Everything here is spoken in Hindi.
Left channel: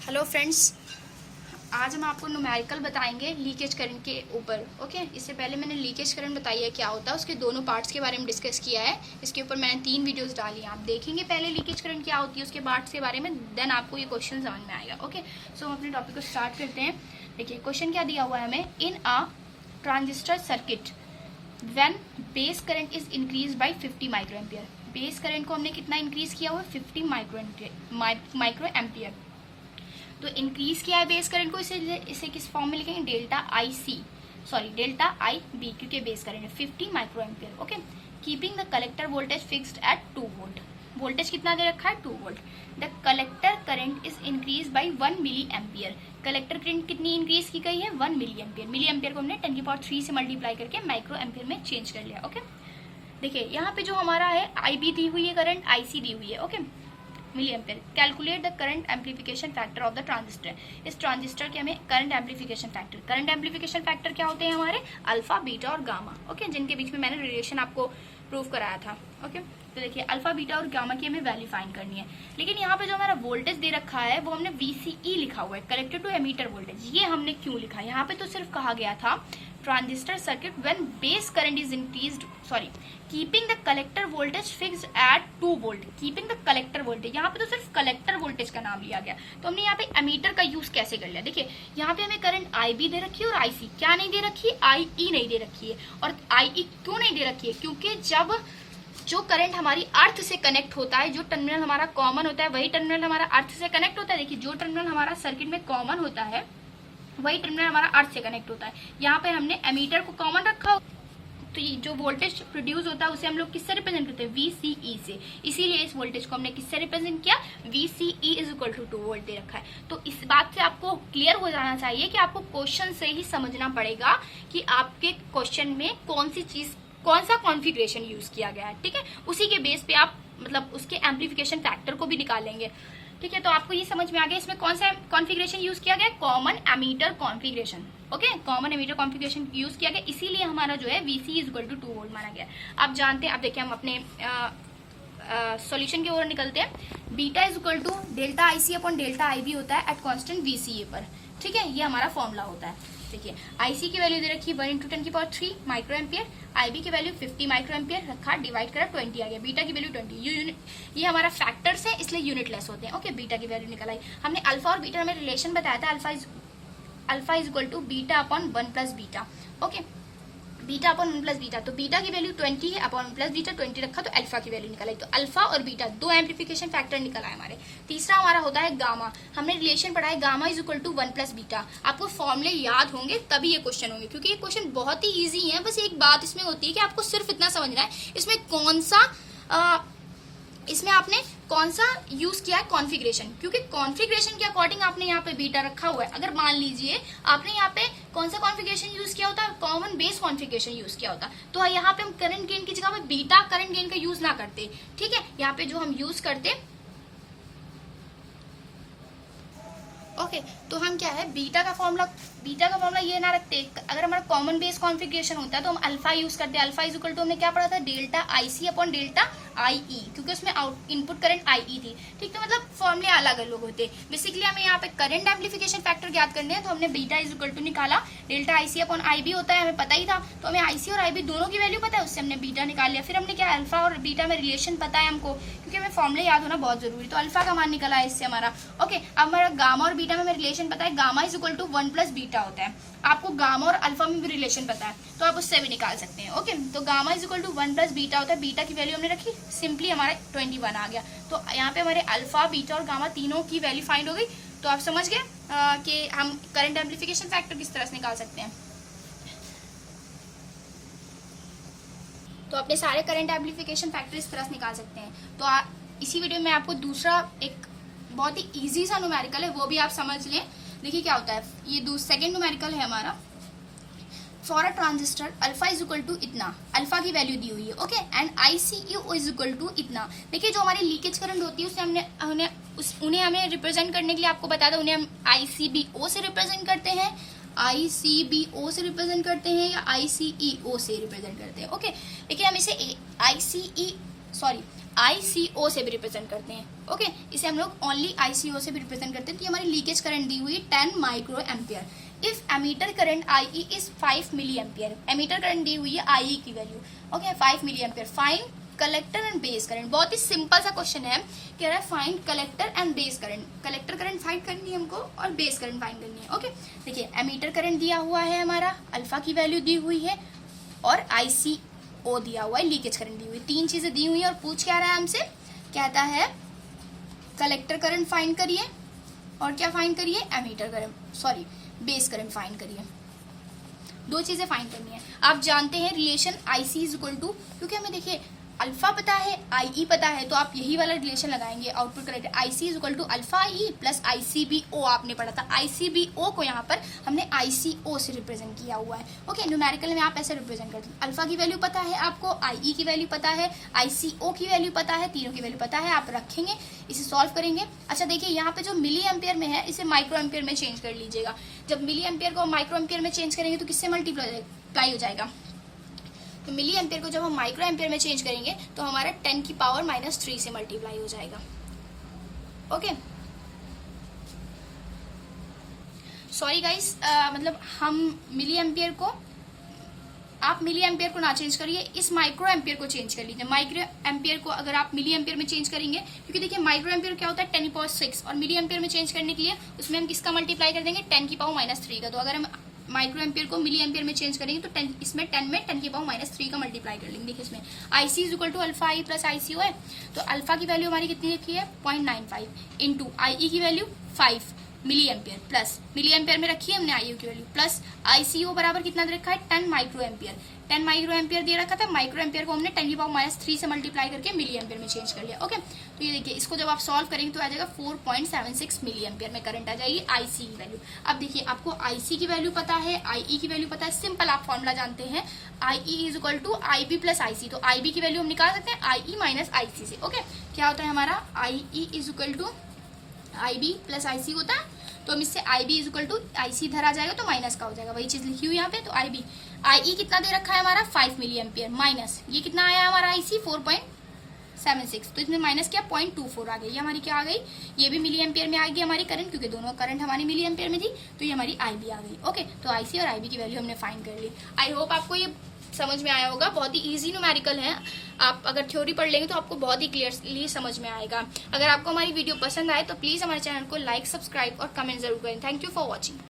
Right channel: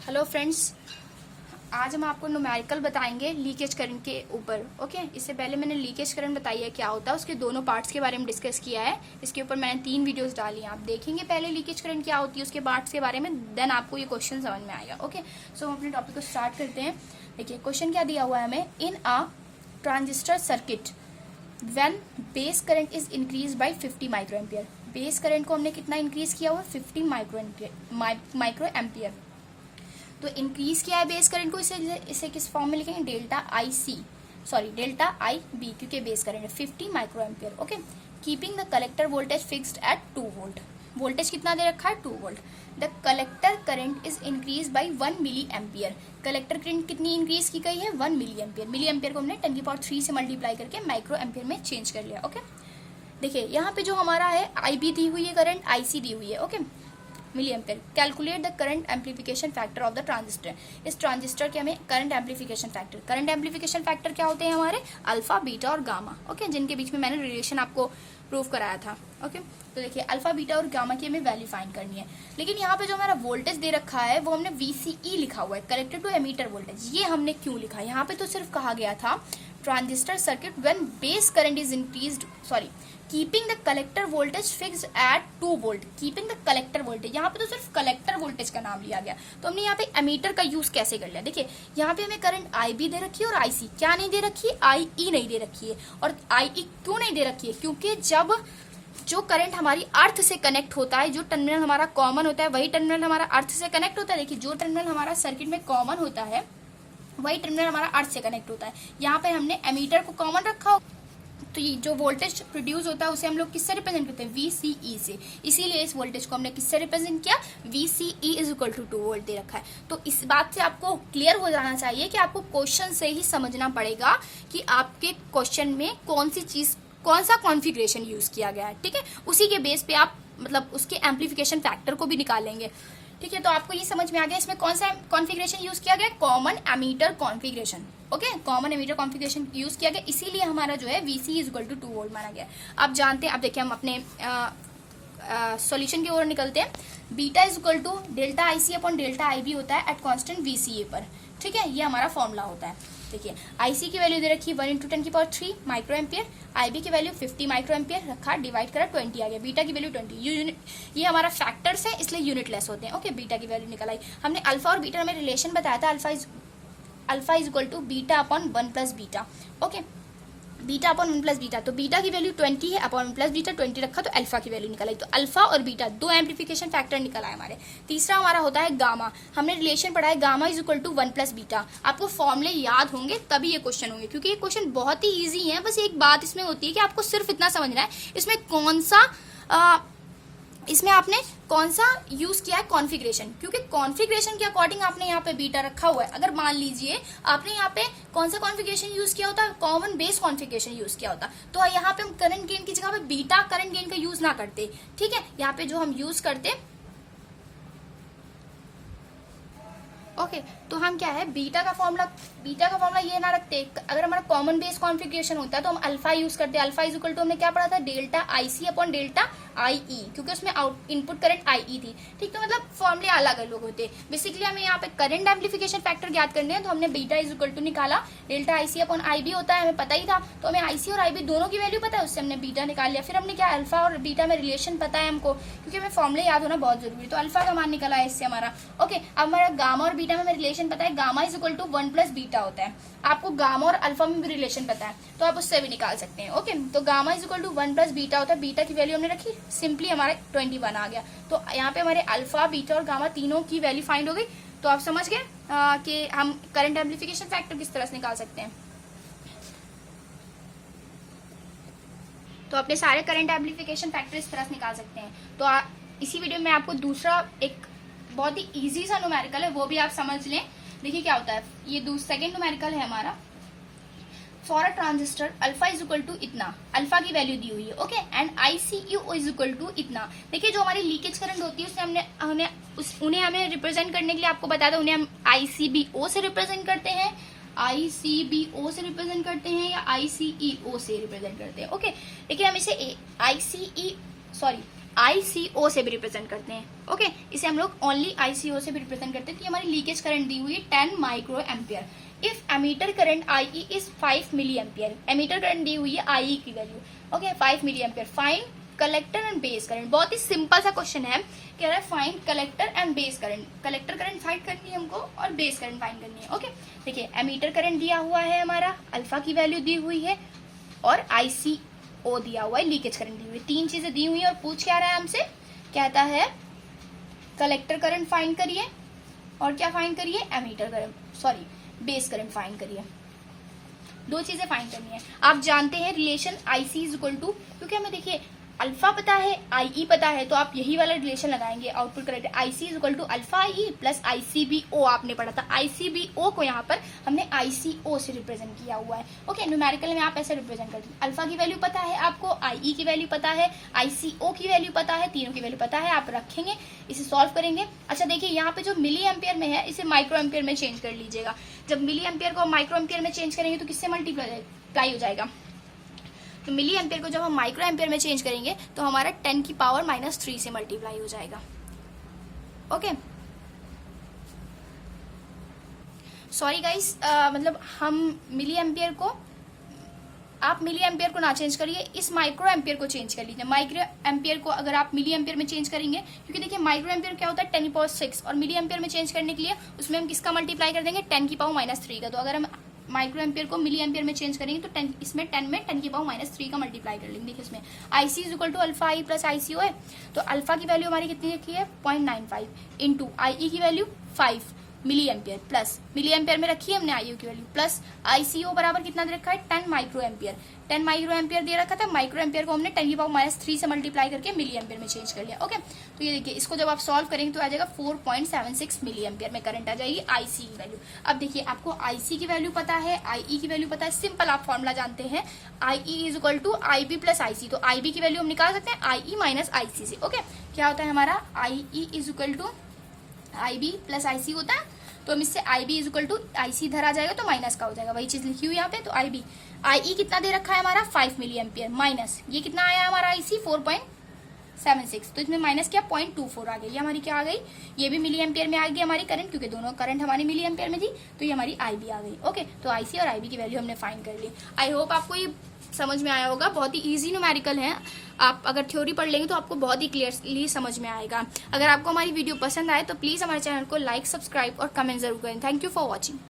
हेलो फ्रेंड्स, आज हम आपको न्यूमेरिकल बताएंगे लीकेज करंट के ऊपर। ओके, इससे पहले मैंने लीकेज करंट बताई है क्या होता है, उसके दोनों पार्ट्स के बारे में डिस्कस किया है। इसके ऊपर मैंने 3 वीडियोस डाली हैं, आप देखेंगे पहले लीकेज करंट क्या होती है, उसके पार्ट्स के बारे में, देन आपको ये क्वेश्चन समझ में आएगा। ओके, सो हम अपने टॉपिक को स्टार्ट करते हैं। देखिए क्वेश्चन क्या दिया हुआ है हमें। In a transistor circuit when base current is increase by 50 micro ampere. Base current को हमने कितना इंक्रीज किया हुआ है, 50 माइक्रो एम्पियर। तो इंक्रीज किया है बेस करंट को, इसे किस फॉर्म में लिखेंगे, डेल्टा आई बी, क्योंकि बेस करंट है 50 micro ampere. Okay, keeping the collector voltage fixed at 2 volt. Voltage कितना दे रखा है, 2 volt. The collector current is increase by 1 milli ampere. Collector current कितनी इंक्रीज की गई है, 1 मिली एम्पियर। मिली एम्पियर को हमने 10³ से मल्टीप्लाई करके माइक्रो एम्पियर में चेंज कर लिया। ओके, देखिए यहाँ पे जो हमारा है आई बी दी हुई है करंट, आई सी दी हुई है। Okay, milli ampere. Calculate the current amplification factor of the transistor. इस ट्रांजिस्टर के हमें करंट एम्पलीफिकेशन फैक्टर क्या होते हैं हमारे, अल्फा, बीटा और गामा। ओके, जिनके बीच में मैंने रिलेशन आपको प्रूव कराया था। ओके, तो देखिए अल्फा, बीटा और गामा की हमें वैल्यू फाइंड करनी है। लेकिन यहाँ पे जो हमारा वोल्टेज दे रखा है वो हमने VCE लिखा हुआ है, कलेक्टर टू एमीटर वोल्टेज। ये हमने क्यों लिखा है, यहाँ पे तो सिर्फ कहा गया था transistor circuit when base current is increased, keeping the collector voltage fixed at 2 volt. Keeping the collector voltage, यहाँ पे तो सिर्फ कलेक्टर वोल्टेज का नाम लिया गया। तो हमने यहाँ पे एमीटर का यूज कैसे कर लिया। देखिए यहाँ पे हमें करंट IB दे रखी है और IC क्या नहीं दे रखी है, IE नहीं दे रखी है। और IE क्यों नहीं दे रखी है, क्योंकि जब जो करंट हमारी अर्थ से कनेक्ट होता है, जो टर्मिनल हमारा कॉमन होता है वही टर्मिनल हमारा अर्थ से कनेक्ट होता है। देखिए जो टर्मिनल हमारा सर्किट में कॉमन होता है वही टर्मिनल हमारा अर्थ से कनेक्ट होता है। यहाँ पे हमने एमीटर को कॉमन रखा, तो ये जो वोल्टेज प्रोड्यूस होता है उसे हम लोग किससे रिप्रेजेंट करते हैं, VCE से। इसीलिए इस वोल्टेज को हमने किससे रिप्रेजेंट किया, VCE is equal to 2 volt दे रखा है। तो इस बात से आपको क्लियर हो जाना चाहिए कि आपको क्वेश्चन से ही समझना पड़ेगा कि आपके क्वेश्चन में कौन सा कॉन्फ़िगरेशन यूज किया गया है। ठीक है, उसी के बेस पे आप मतलब उसके एम्पलीफिकेशन फैक्टर को भी निकालेंगे। ठीक है, तो आपको ये समझ में आ गया इसमें कौन सा कॉन्फ़िगरेशन यूज किया गया, common emitter configuration. Okay, common emitter configuration use किया गया, इसीलिए हमारा जो है VCE is equal to 2 volt माना गया। आप जानते हैं, अब देखिए हम अपने सॉल्यूशन की ओर निकलते हैं। Beta is equal to delta IC upon delta IB होता है एट कांस्टेंट VCE पर। ठीक है, ये हमारा फॉर्मूला होता है। देखिए IC की वैल्यू दे रखी है 1 × 10³ माइक्रो एम्पियर, IB की वैल्यू 50 माइक्रो एम्पियर रखा, डिवाइड करा 20 आ गया। बीटा की वैल्यू 20, ये हमारा फैक्टर्स है इसलिए यूनिट लेस होते हैं। ओके, बीटा की वैल्यू निकल आई। हमने अल्फा और बीटा में रिलेशन बताया था, alpha is equal to beta upon 1 plus beta. Okay, beta upon 1 plus beta, तो बीटा की वैल्यू 20 है, अपॉन 1 प्लस बीटा 20 रखा, तो अल्फा की वैल्यू निकल आई। तो अल्फा और बीटा दो एम्पलीफिकेशन फैक्टर निकल आए हमारे। तीसरा हमारा होता है गामा। हमने रिलेशन पढ़ा है gamma is equal to 1 plus beta. आपको फॉर्मूले याद होंगे तभी ये क्वेश्चन होंगे, क्योंकि ये क्वेश्चन बहुत ही ईजी है। बस एक बात इसमें होती है कि आपको सिर्फ इतना समझना है इसमें आपने कौन सा यूज किया है कॉन्फ़िगरेशन, क्योंकि कॉन्फ़िगरेशन के अकॉर्डिंग आपने यहाँ पे बीटा रखा हुआ है। अगर मान लीजिए आपने यहाँ पे कौन सा कॉन्फ़िगरेशन यूज किया होता है, कॉमन बेस कॉन्फ़िगरेशन यूज किया होता, तो यहाँ पे हम करंट गेन की जगह पे बीटा करंट गेन का यूज ना करते। ठीक है, यहाँ पे जो हम यूज करते, ओके, तो हम क्या है बीटा का फॉर्मूला ये ना रखते। अगर हमारा कॉमन बेस कॉन्फ़िगरेशन होता है तो हम अल्फा यूज करते हैं। अल्फा इज इक्वल टू हमने क्या पढ़ा था, delta IC upon delta IE, क्योंकि उसमें इनपुट करंट IE थी। ठीक, तो मतलब फॉर्मूले अलग अलग होते हैं। बेसिकली हमें यहाँ पे करंट एम्पलीफिकेशन फैक्टर ज्ञात करने हैं, तो हमने बीटा इज इक्वल टू निकाला, डेल्टा IC अपॉन IB होता है, हमें पता ही था। तो हमें IC और IB दोनों की वैल्यू पता है, उससे हमने बीटा निकाल लिया। फिर हमने क्या, अल्फा और बीटा में रिलेशन पता है हमको, क्योंकि हमें फॉर्मूले याद होना बहुत जरूरी है। तो अल्फा का मान निकला है इससे हमारा। ओके, अब हमारा गामा और बीटा में हमें रिलेशन पता है, gamma is equal to 1 plus beta होता है। आपको गामा और अल्फा में भी रिलेशन पता है तो आप उससे भी निकाल सकते हैं। ओके, तो gamma is equal to 1 plus beta होता है। बीटा की वैल्यू हमने रखी, सिंपली हमारे 21 आ गया। तो यहाँ पे हमारे अल्फा, बीटा और गामा तीनों की वैल्यू फाइंड हो गई। तो आप समझ गए कि हम करंट एम्पलीफिकेशन फैक्टर किस तरह से निकाल सकते हैं। तो अपने सारे करंट एम्पलीफिकेशन फैक्टर इस तरह से निकाल सकते हैं। तो इसी वीडियो में आपको दूसरा एक बहुत ही इजी सा न्यूमेरिकल है, वो भी आप समझ लें। देखिए क्या होता है, ये सेकेंड न्यूमेरिकल है हमारा। For a transistor alpha is equal to इतना, अल्फा की वैल्यू दी हुई है। Okay, and ICU is equal to इतना। देखिए जो हमारी लीकेज करंट होती है उसे उन्हें हमें रिप्रेजेंट करने के लिए आपको बता दो, उन्हें हम ICBO से रिप्रेजेंट करते हैं, ICBO से रिप्रेजेंट करते हैं या ICEO से रिप्रेजेंट करते हैं। ओके, देखिए हम इसे ICO से भी रिप्रेजेंट करते हैं। ओके, इसे हम लोग ओनली ICO से भी रिप्रेजेंट करते हैं। तो हमारी लीकेज करंट दी हुई है 10 micro ampere. If emitter current IE is 5 milli ampere, emitter current दी हुई है IE की value, okay 5 milli ampere. Find collector and base current. बहुत ही सिंपल सा क्वेश्चन है, कह रहा है find collector and base current. Collector current find करनी है हमको और बेस करंट फाइंड करनी है। ओके, देखिए एमीटर करंट दिया हुआ है हमारा, अल्फा की वैल्यू दी हुई है और ICO दिया हुआ है, लीकेज करंट दी हुई है। तीन चीजें दी हुई है और पूछ क्या रहा है हमसे, कहता है कलेक्टर करंट फाइंड करिए और क्या फाइंड करिए, emitter current, sorry base current find करिए। दो चीजें फाइंड करनी है। आप जानते हैं relation IC is equal to, क्योंकि हमें देखिए अल्फा पता है, IE पता है, तो आप यही वाला रिलेशन लगाएंगे, output correct. IC is equal to alpha IE plus ICBO आपने पढ़ा था। ICBO को यहाँ पर हमने ICO से रिप्रेजेंट किया हुआ है। ओके, न्यूमेरिकल में आप ऐसे रिप्रेजेंट करते हैं। अल्फा की वैल्यू पता है आपको, IE की वैल्यू पता है, ICO की वैल्यू पता है, तीनों की वैल्यू पता है। आप रखेंगे, इसे सॉल्व करेंगे। अच्छा देखिए यहाँ पे जो मिली एम्पियर में है इसे माइक्रो एम्पियर में चेंज कर लीजिएगा। जब मिली एम्पियर को माइक्रो एम्पियर में चेंज करेंगे तो किससे मल्टीप्लाई हो जाएगा, तो मिली एम्पियर को जब हम माइक्रो एम्पियर में चेंज करेंगे तो हमारा 10 की पावर -3 से मल्टीप्लाई हो जाएगा। ओके, सॉरी गाइस, मतलब हम मिली एम्पियर को, आप मिली एम्पियर को ना चेंज करिए, इस माइक्रो एम्पियर को चेंज कर लीजिए। माइक्रो एम्पियर को अगर आप मिली एम्पियर में चेंज करेंगे, क्योंकि देखिए माइक्रो एम्पियर क्या होता है 10⁻6, और मिली एम्पियर में चेंज करने के लिए उसमें हम किसका मल्टीप्लाई कर देंगे, 10 की पावर -3 का। तो अगर हम माइक्रो एम्पियर को मिली एम्पियर में चेंज करेंगे तो 10 इसमें 10 में 10 की पावर -3 का मल्टीप्लाई कर लेंगे। देखिए इसमें IC is equal to alpha I plus ICO है, तो अल्फा की वैल्यू हमारी कितनी रखी है 0.95 इंटू IE की value 5 milli ampere plus milli ampere में रखी है हमने IU की वैल्यू प्लस ICO बराबर कितना दे रखा है 10 माइक्रो एम्पियर। 10 माइक्रो एम्पियर दे रखा था, माइक्रो एम्पियर को हमने 10 की पावर -3 से मल्टीप्लाई करके मिली एम्पियर में चेंज कर लिया। ओके, तो ये देखिए इसको जब आप सॉल्व करेंगे तो आ जाएगा 4.76 मिली एम्पियर में करंट आ जाएगी IC की वैल्यू। अब देखिए आपको IC की वैल्यू पता है, IE की वैल्यू पता है, सिंपल आप फॉर्मुला जानते हैं IE is equal to IB plus IC। तो IB की वैल्यू हम निकाल सकते हैं IE माइनस IC से। ओके, क्या होता है हमारा IE is equal to IB plus IC होता है, तो हम इससे IB is equal to IC इधर आ जाएगा तो माइनस का हो जाएगा, वही चीज लिखी हुई यहाँ पे। तो IB IE कितना दे रखा है हमारा 5 मिली एम्पियर माइनस ये कितना आया हमारा IC 4.76, तो इसमें माइनस क्या 0.24 आ गई, ये हमारी क्या आ गई, ये भी मिली एम्पियर में आ गई हमारी करंट, क्योंकि दोनों करंट हमारी मिली एम्पियर में थी, तो ये हमारी IB आ गई। ओके, तो IC और IB की वैल्यू हमने फाइंड कर ली। आई होप आपको ये समझ में आया होगा, बहुत ही इजी न्यूमेरिकल है। आप अगर थ्योरी पढ़ लेंगे तो आपको बहुत ही क्लियरली समझ में आएगा। अगर आपको हमारी वीडियो पसंद आए तो प्लीज हमारे चैनल को लाइक, सब्सक्राइब और कमेंट जरूर करें। Thank you for watching.